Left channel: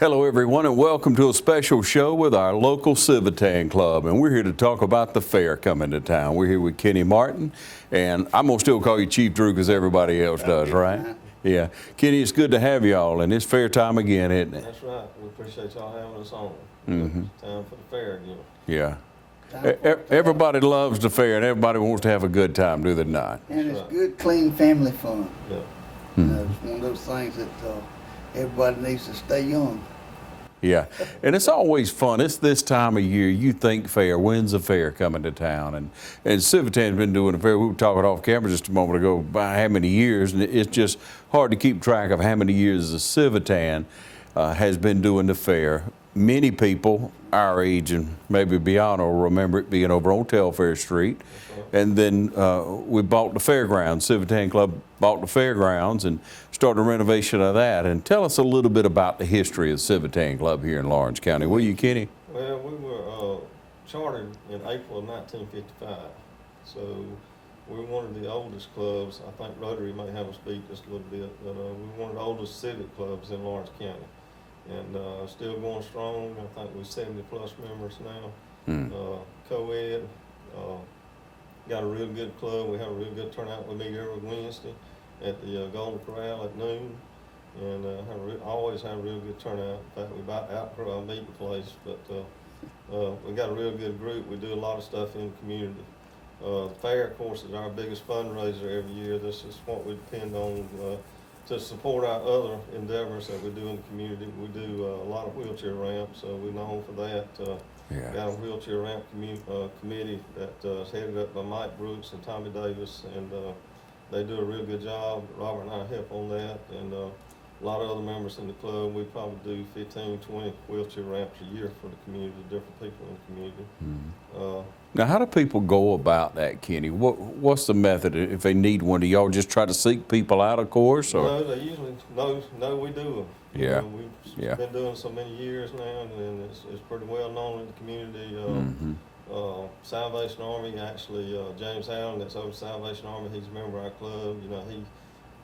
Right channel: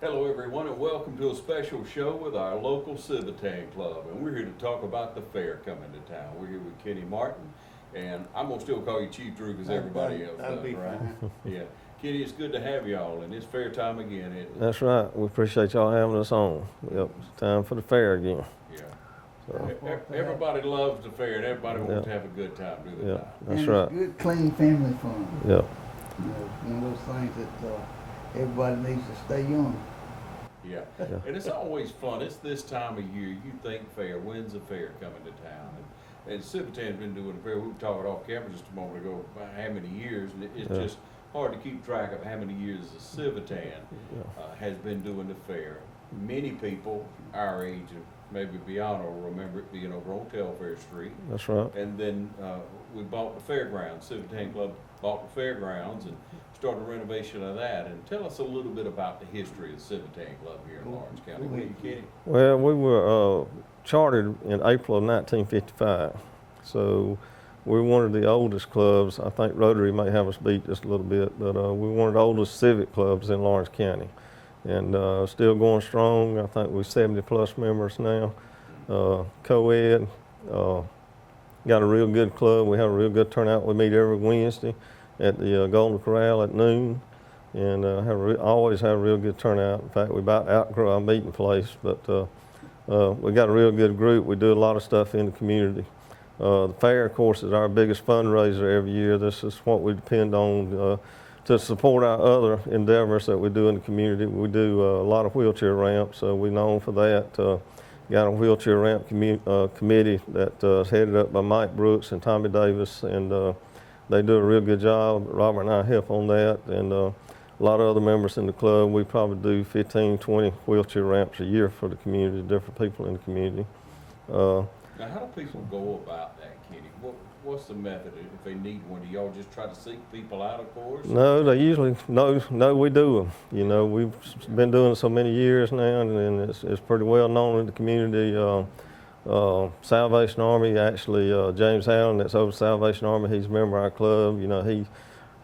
Hello everyone and welcome to a special show with our local Civitan Club, and we're here to talk about the fair coming to town. We're here with Kenny Martin, and I'm going to still call you Chief Drew because everybody else does, right? Yeah. Kenny, it's good to have y'all, and it's fair time again, isn't it? That's right. We appreciate y'all having us on. It's time for the fair again. Yeah. Everybody loves the fair and everybody wants to have a good time, do they not? That's and right. It's good, clean family fun. Yeah. It's one of those things that everybody needs to stay young. Yeah, and it's always fun. It's this time of year. You think fair. When's the fair coming to town? And Civitan's been doing the fair. We were talking off camera just a moment ago by how many years, and it's just hard to keep track of how many years the Civitan has been doing the fair. Many people our age and maybe beyond will remember it being over on Telfair Street. That's right. And then we bought the fairgrounds. Civitan Club bought the fairgrounds and started a renovation of that. And tell us a little bit about the history of the Civitan Club here in Lawrence County. Will you, Kenny? Well, we were chartered in April of 1955. So we're one of the oldest clubs. I think Rotary may have us beat just a little bit, but we're one of the oldest civic clubs in Lawrence County. And still going strong. I think we're 70+ members now. Co-ed, got a real good club. We have a real good turnout. We meet every Wednesday at the Golden Corral at noon, and always have a real good turnout. In fact, we about outgrow our meeting place, but we got a real good group. We do a lot of stuff in the community. The fair, of course, is our biggest fundraiser every year. This is what we depend on to support our other endeavors that we do in the community. We do a lot of wheelchair ramps, so we're known for that. Got a wheelchair ramp committee that's headed up by Mike Brooks and Tommy Davis, and they do a real good job. Robert and I help on that, and a lot of other members in the club. We probably do 15, 20 wheelchair ramps a year for the community, different people in the community. Now, how do people go about that, Kenny? What's the method if they need one? Do y'all just try to seek people out, of course? No, they usually know we do them. You know, we've been doing it so many years now, and it's pretty well known in the community. Salvation Army, actually, James Allen, that's over Salvation Army, he's a member of our club. You know,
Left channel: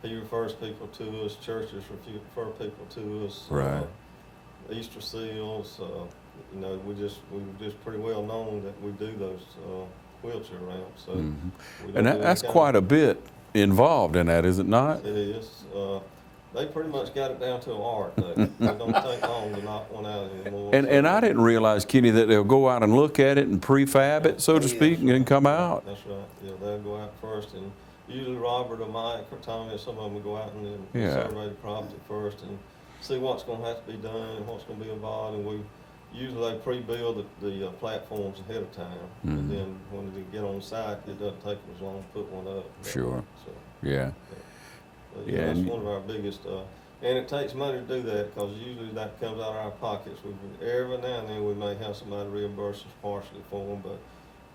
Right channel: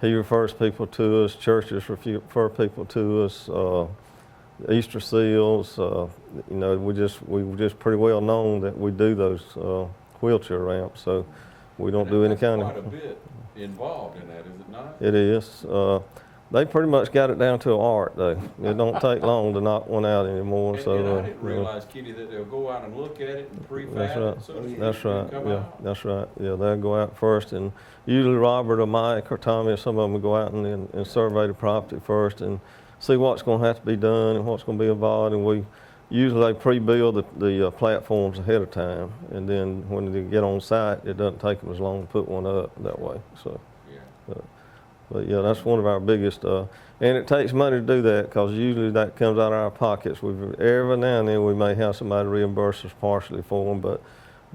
he refers people to us. Churches refer people to us. Right. Easter seals, you know, we're just pretty well known that we do those wheelchair ramps. So we don't do that's any quite a bit involved in that, is it not? It is. They pretty much got it down to an art, though. It don't take long to knock one out anymore. And I didn't realize, Kenny, that they'll go out and look at it and prefab it, so to speak, and then come out. That's right. Yeah, they'll go out first, and usually Robert or Mike or Tommy or some of them will go out and survey the property first and see what's going to have to be done and what's going to be involved. And we usually pre-build the platforms ahead of time, and then when they get on site, it doesn't take them as long to put one up that way. So but yeah, that's one of our biggest. And it takes money to do that because usually that comes out of our pockets. Every now and then we may have somebody reimburse us partially for them, but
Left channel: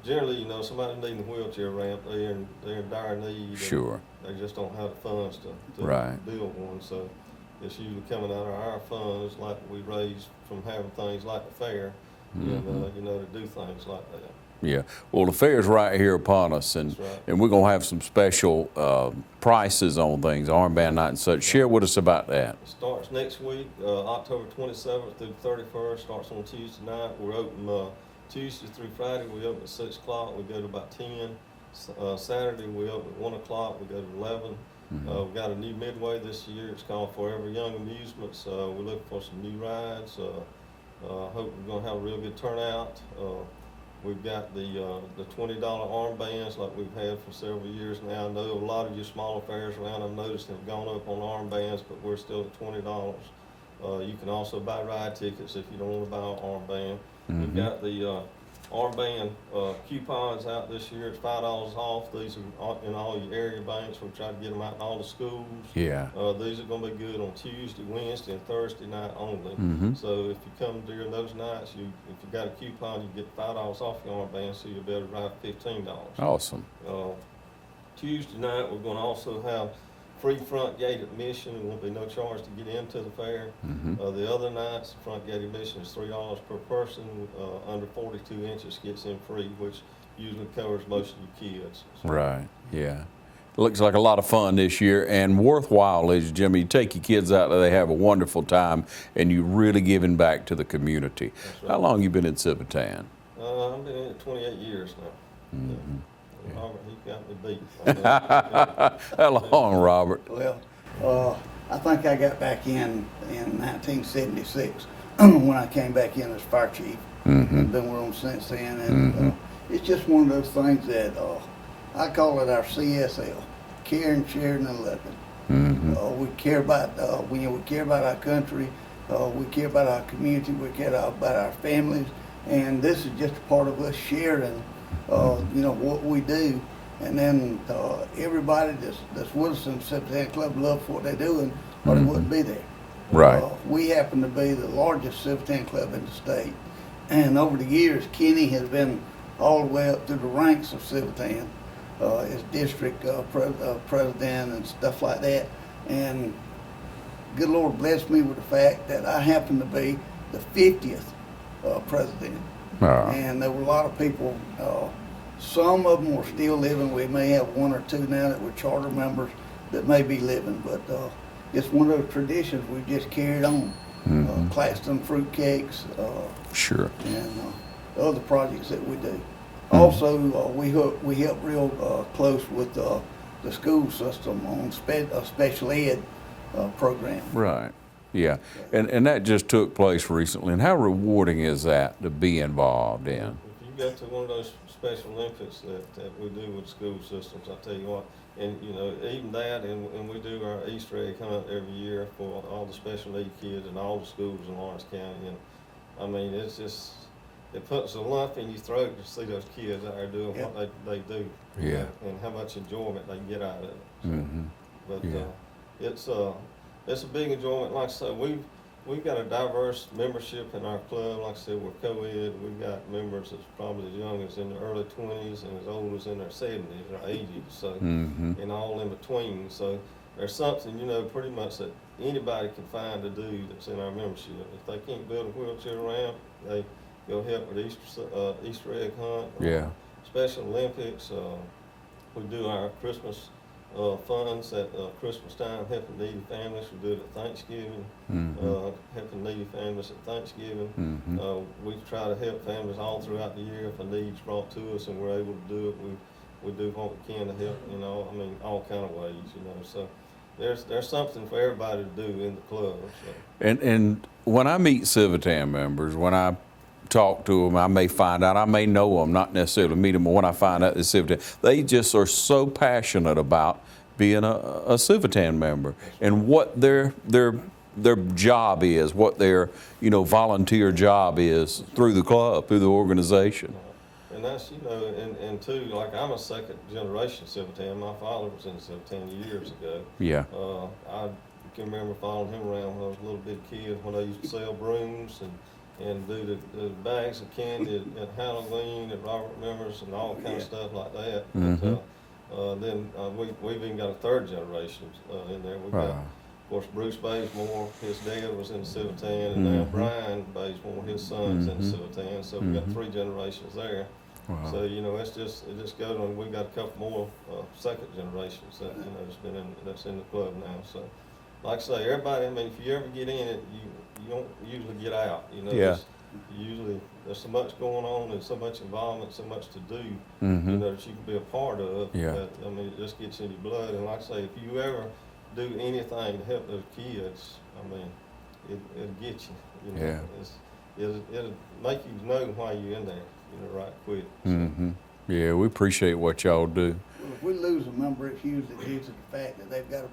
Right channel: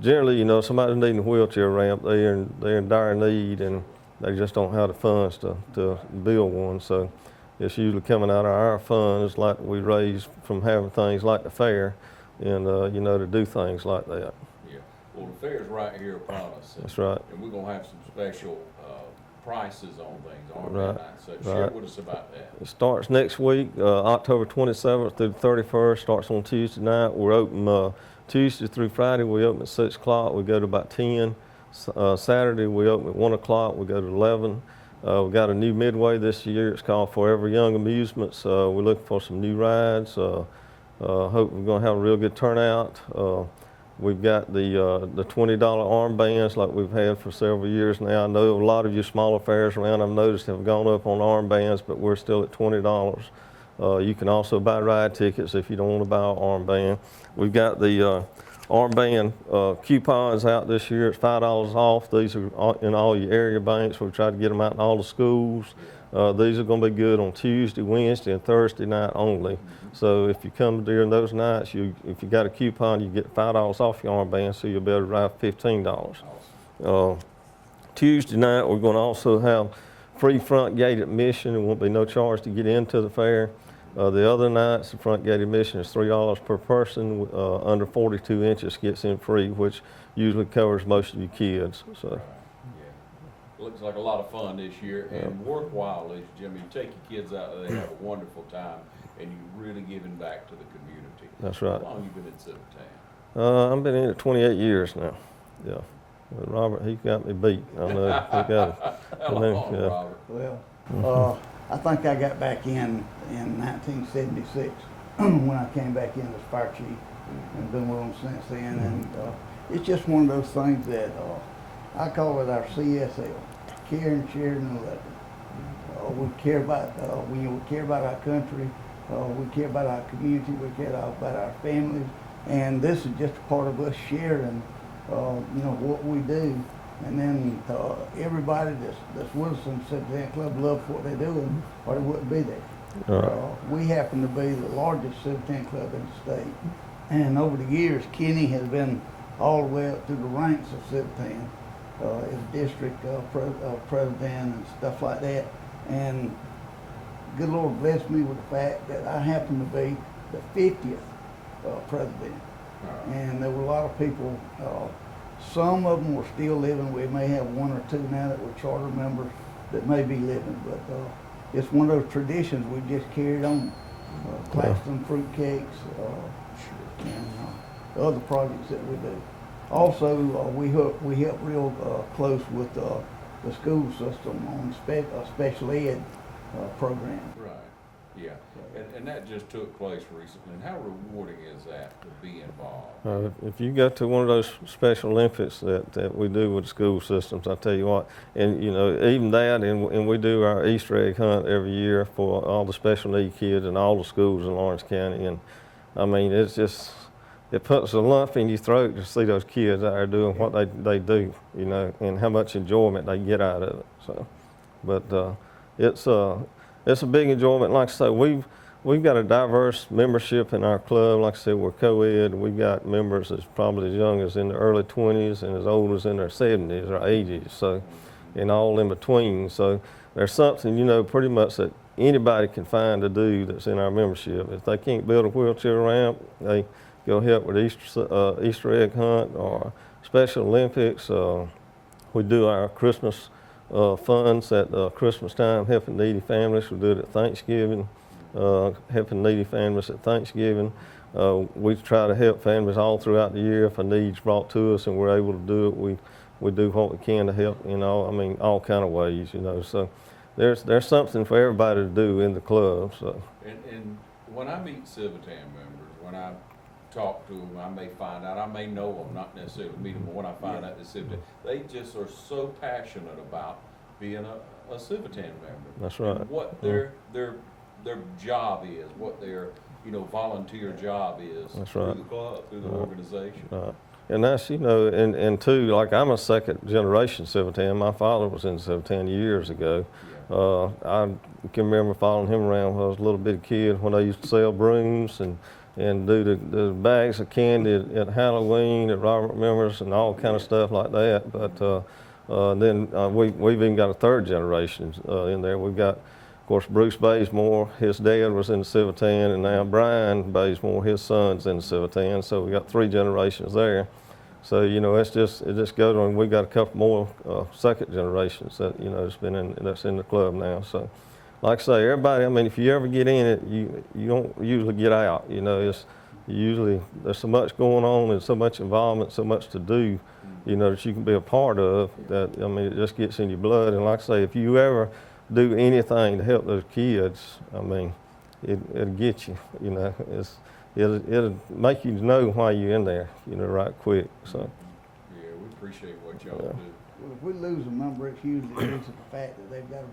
generally, you know, somebody's needing a wheelchair ramp, they're in dire need, and they just don't have the funds to build one. So it's usually coming out of our funds, like we raise from having things like the fair, and you know, to do things like that. Yeah. Well, the fair's right here upon us, and and we're gonna have some special prices on things, armband night and such. Share with us about that. It starts next week, October 27th through the 31st. Starts on Tuesday night. We're open Tuesday through Friday. We open at 6 o'clock. We go to about 10. Saturday we open at 1 o'clock. We go to 11. We got a new midway this year. It's called Forever Young Amusements. We're looking for some new rides. Hope we're going to have a real good turnout. We've got the $20 armbands like we've had for several years now. I know a lot of you smaller fairs around, I've noticed, have gone up on armbands, but we're still at $20. You can also buy ride tickets if you don't want to buy an armband. We've got the armband coupons out this year. It's $5 off. These are in all your area banks. We'll try to get them out in all the schools. These are going to be good on Tuesday, Wednesday, and Thursday night only. So if you come during those nights, if you got a coupon, you get $5 off your armband, so you'll be able to ride $15. Awesome. Tuesday night, we're going to also have free front gate admission. There won't be no charge to get into the fair. The other nights, the front gate admission is $3 per person. Under 42 inches gets in free, which usually covers most of your kids. So. Right, yeah. Looks like a lot of fun this year and worthwhile, ladies and gentlemen. You take your kids out there, they have a wonderful time, and you're really giving back to the community. That's right. How long you been in Civitan? I've been in it 28 years now. Yeah. Robert, he got me beat. I know, he got it. How long, Robert? Well, I think I got back in 1976 when I came back in as fire chief. I've been with them since then, and it's just one of those things that I call it our CSL, caring, sharing, and loving. We care about we care about our country, we care about our community, we care about our families, and this is just a part of us sharing, you know, what we do. And then everybody that's with us in the Civitan Club loves what they do, or they wouldn't be there. Right. We happen to be the largest Civitan club in the state, and over the years, Kenny has been all the way up through the ranks of Civitan, as district president and stuff like that. And good Lord blessed me with the fact that I happen to be the 50th president. And there were a lot of people. Some of them were still living. We may have one or two now that were charter members that may be living, but it's one of those traditions we've just carried on. Claxton fruit cakes, Sure. and the other projects that we do. Also, we help real close with the school system on special ed program. Right. Yeah. And that just took place recently. And how rewarding is that to be involved in? If you go to one of those Special Olympics that we do with school systems, I tell you what, and you know, even that, and we do our Easter egg hunt every year for all the special need kids in all the schools in Lawrence County, and I mean, it's just, it puts a lump in your throat to see those kids out there doing what they do, you know, and how much enjoyment they get out of it. So, but it's a big enjoyment. Like I say, we've got a diverse membership in our club. Like I said, we're co-ed. We've got members that's probably as young as in the early 20s and as old as in their 70s or 80s. So, and all in between. So there's something, you know, pretty much that anybody can find to do that's in our membership. If they can't build a wheelchair ramp, they go help with Easter egg hunt or Special Olympics. We do our Christmas funds at Christmas time, helping needy families. We do it at Thanksgiving, helping needy families at Thanksgiving. We try to help families all throughout the year. If a need's brought to us and we're able to do it, we do what we can to help, you know, I mean, all kind of ways, you know. So there's something for everybody to do in the club. So. And when I meet Civitan members, when I talk to them, I may find out, I may know them, not necessarily meet them, but when I find out they're Civitan, they just are so passionate about being a Civitan member. That's right. And what their job is, what their, you know, volunteer job is through the club, through the organization. And that's, you know, and too, like I'm a second generation Civitan. My father was in Civitan years ago. Yeah. I can remember following him around when I was a little bitty kid when they used to sell brooms and do the bags of candy at Halloween that Robert remembers and all kind of stuff like that. But then we've even got a third generation in there. We've got, of course, Bruce Bazemore. His dad was in the Civitan, and now Brian Bazemore, his son's in the Civitan. So we've got three generations there. So you know, it just goes on. We got a couple more second generations that, you know, that's in the club now. So. Like I say, everybody, I mean, if you ever get in it, you don't usually get out, you know. Usually there's so much going on and so much involvement, so much to do, you know, that you can be a part of. That, I mean, it just gets in your blood. And like I say, if you ever do anything to help those kids, I mean, it'll get you, you know. It'll make you know why you're in there, you know, right quick. So. Yeah, we appreciate what y'all do. Well, if we lose a member, it's usually due to the fact that they've got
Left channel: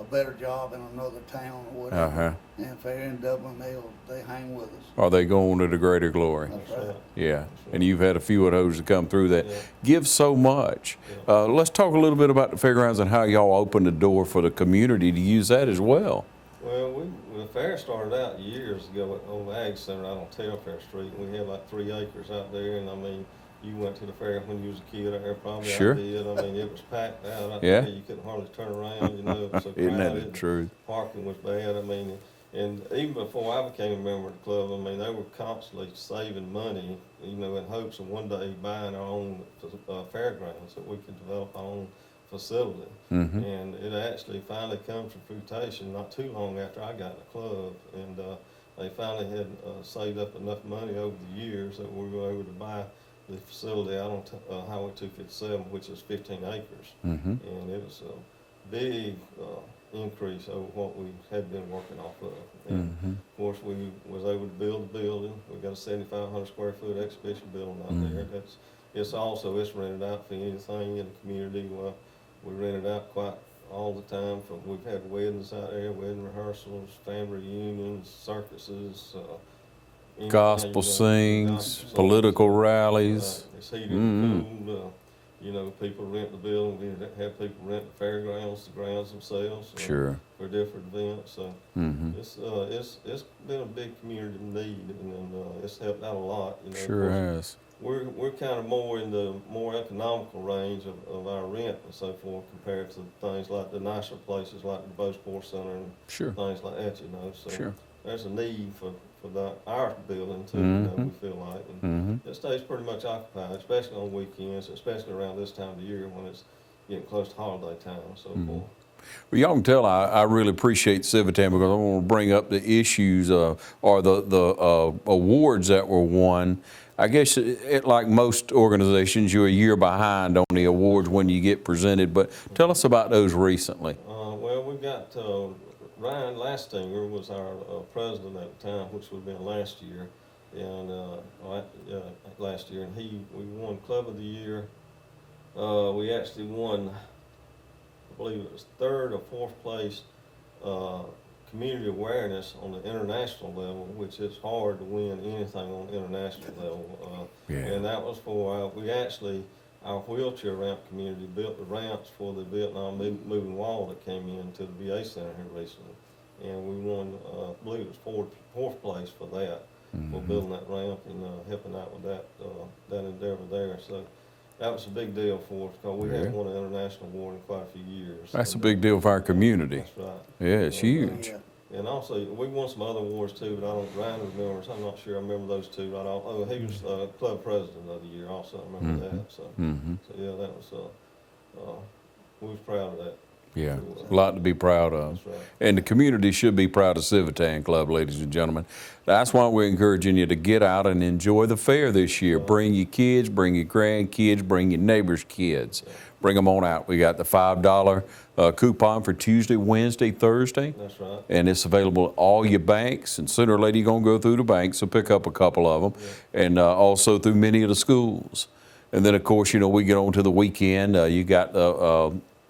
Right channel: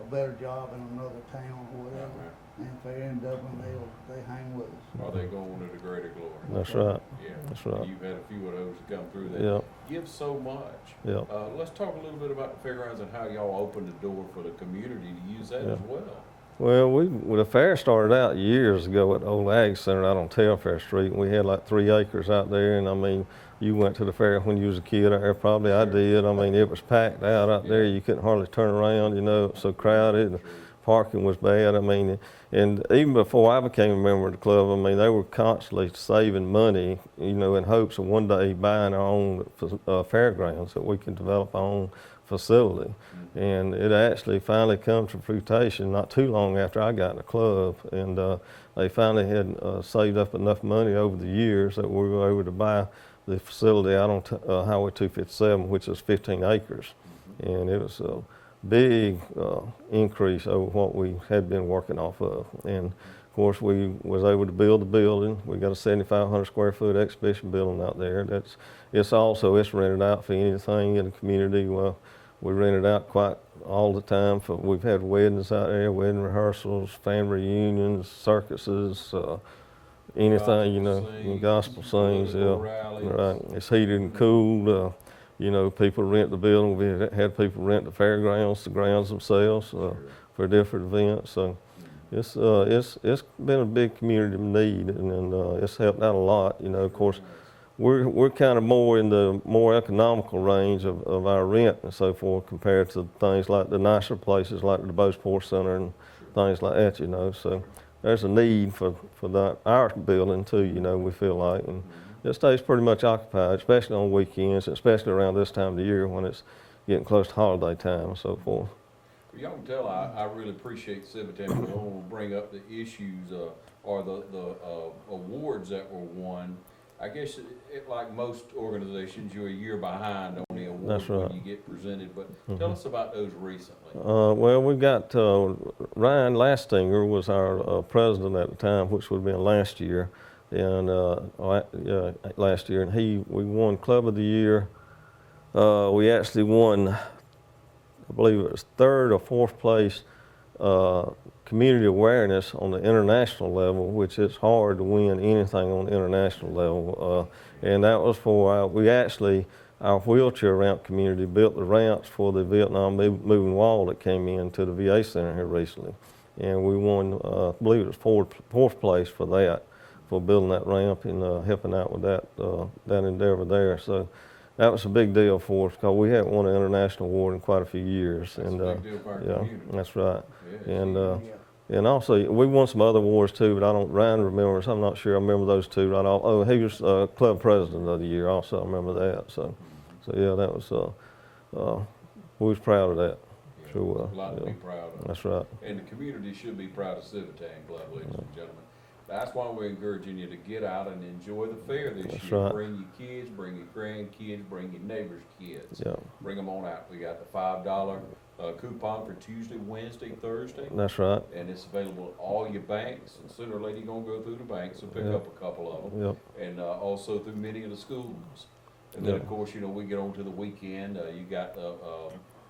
a better job in another town or whatever. And if they're in Dublin, they hang with us. Or they go on to the greater glory. That's right. Yeah. That's right. And you've had a few of those that come through that give so much. Let's talk a little bit about the fairgrounds and how y'all opened the door for the community to use that as well. Well, the fair started out years ago at the old Ag Center out on Telfair Street. We had like 3 acres out there, and I mean, you went to the fair when you was a kid out there, probably I did. I mean, it was packed out there. You couldn't hardly turn around, you know, it was so crowded. True. Parking was bad. I mean, and even before I became a member of the club, I mean, they were constantly saving money, you know, in hopes of one day buying our own fairgrounds, that we can develop our own facility. And it actually finally come to fruition not too long after I got in the club. And they finally had saved up enough money over the years that we were able to buy the facility out on Highway 257, which is 15 acres. And it was a big increase over what we had been working off of. And of course, we was able to build the building. We got a 7,500 square foot exhibition building out there. It's rented out for anything in the community. Well, we rent it out quite all the time. We've had weddings out there, wedding rehearsals, family reunions, circuses, anything, gospel sings, political rallies. Right. It's heated and cooled. You know, people rent the building. We had people rent the fairgrounds, the grounds themselves for different events. So it's been a big community need, and it's helped out a lot. You know, of course, we're kind of more in the more economical range of our rent and so forth compared to things like the nicer places like the DuBose Sports Center and things like that. You know, so. There's a need for our building too, you know, we feel like. And it stays pretty much occupied, especially on weekends, especially around this time of the year when it's getting close to holiday time and so forth. Well, y'all can tell I really appreciate Civitan because I want to bring up the issues or the awards that were won. I guess like most organizations, you're a year behind on the awards when you get presented, but tell us about those recently. Well, we got Ryan Lastinger was our president at the time, which would have been last year, and we won Club of the Year. We actually won, I believe it was 3rd or 4th place community awareness on the international level, which it's hard to win anything on the international level. And that was for, our wheelchair ramp community built the ramps for the Vietnam moving wall that came into the VA Center here recently. And we won, I believe it was 4th place for that, for building that ramp and helping out with that endeavor there. So that was a big deal for us because we haven't won an international award in quite a few years. That's a big deal for our community. That's right. Yeah, it's huge. And also, we won some other awards too, but Ryan remembers. I'm not sure I remember those two right off. Oh, he was club president of the year also. I remember that. So, so yeah, that was, we was proud of that. Yeah, a lot to be proud of. That's right. And the community should be proud of Civitan Club, ladies and gentlemen. That's why we're encouraging you to get out and enjoy the fair this year. Right. Bring your kids, bring your grandkids, bring your neighbors' kids. Bring them on out. We got the $5 coupon for Tuesday, Wednesday, Thursday. That's right. And it's available at all your banks. And sooner or later, you're going to go through the banks, so pick up a couple of them. And also through many of the schools. And then, of course, you know, we get on to the weekend. You got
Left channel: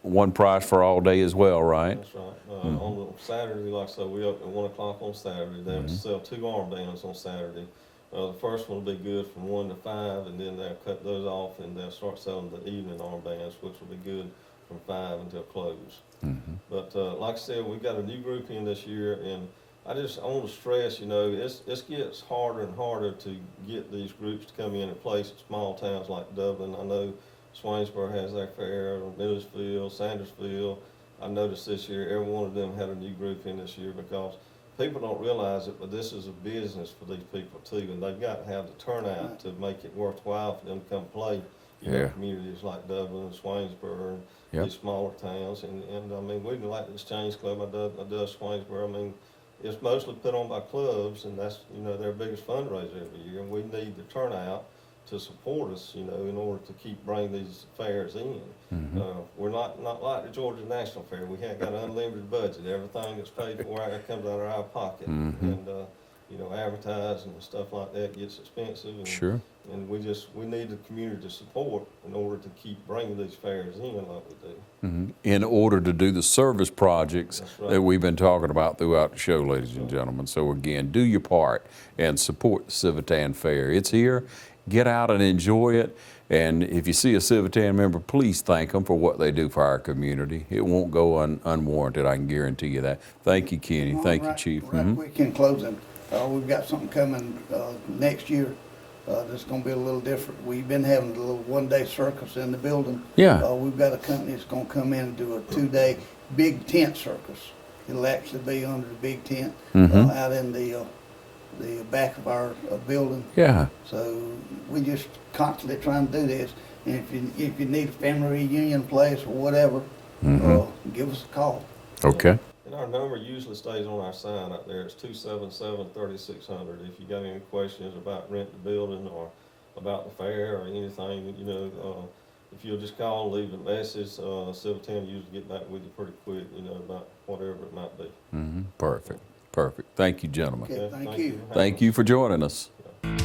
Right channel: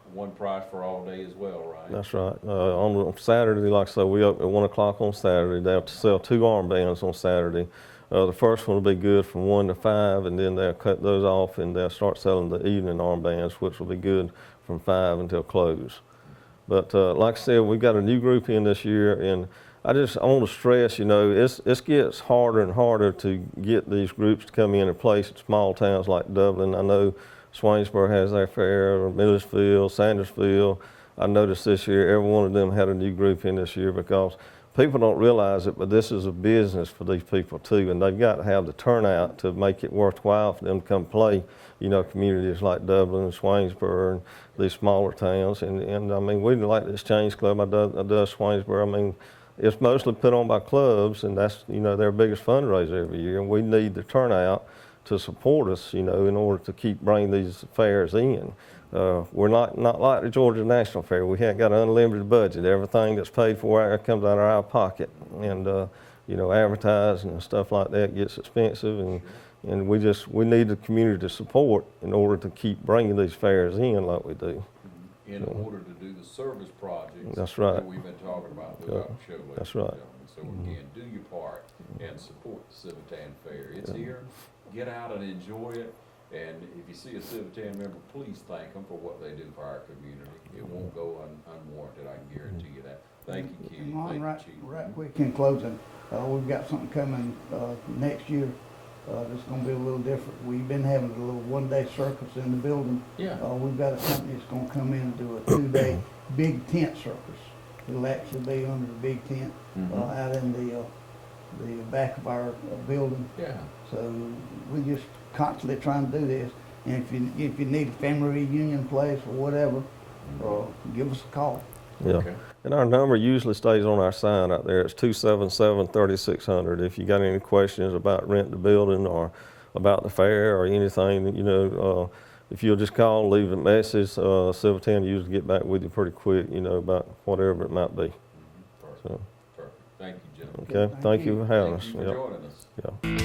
one price for all day as well, right? That's right. On Saturday, like I said, we open at 1 o'clock on Saturday. They have to sell 2 armbands on Saturday. The first one will be good from 1 to 5, and then they'll cut those off and they'll start selling the evening armbands, which will be good from 5 until close. But like I said, we've got a new group in this year, and I want to stress, you know, it gets harder and harder to get these groups to come in and place in small towns like Dublin. I know Swainsboro has their fair, or Millersville, Sandersville. I noticed this year, every one of them had a new group in this year because people don't realize it, but this is a business for these people too, and they've got to have the turnout to make it worthwhile for them to come play, you know, communities like Dublin and Swainsboro and these smaller towns. And I mean, we like the Exchange Club, I does Swainsboro. I mean, it's mostly put on by clubs, and that's, you know, their biggest fundraiser every year, and we need the turnout to support us, you know, in order to keep bringing these fairs in. We're not like the Georgia National Fair. We haven't got an unlimited budget. Everything that's paid for comes out of our pocket. And, you know, advertising and stuff like that gets expensive. And, and we need the community to support in order to keep bringing these fairs in like we do. In order to do the service projects that we've been talking about throughout the show, ladies and gentlemen. So again, do your part and support the Civitan Fair. It's here. Get out and enjoy it. And if you see a Civitan member, please thank them for what they do for our community. It won't go unwarranted, I can guarantee you that. Thank you, Kenny. Thank you, Chief. Right quick in closing, we've got something coming next year that's going to be a little different. We've been having a little one-day circus in the building. We've got a company that's going to come in and do a 2-day big tent circus. It'll actually be under the big tent out in the back of our building. So we just constantly trying to do this. And if you need a family reunion place or whatever, give us a call. Okay. And our number usually stays on our sign out there. It's 277-3600. If you got any questions about renting the building or about the fair or anything, you know, if you'll just call, leave a message, Civitan usually get back with you pretty quick, you know, about whatever it might be. Perfect. Perfect. Thank you, gentlemen. Okay, Thank you for having us. Thank you for joining us. Yeah.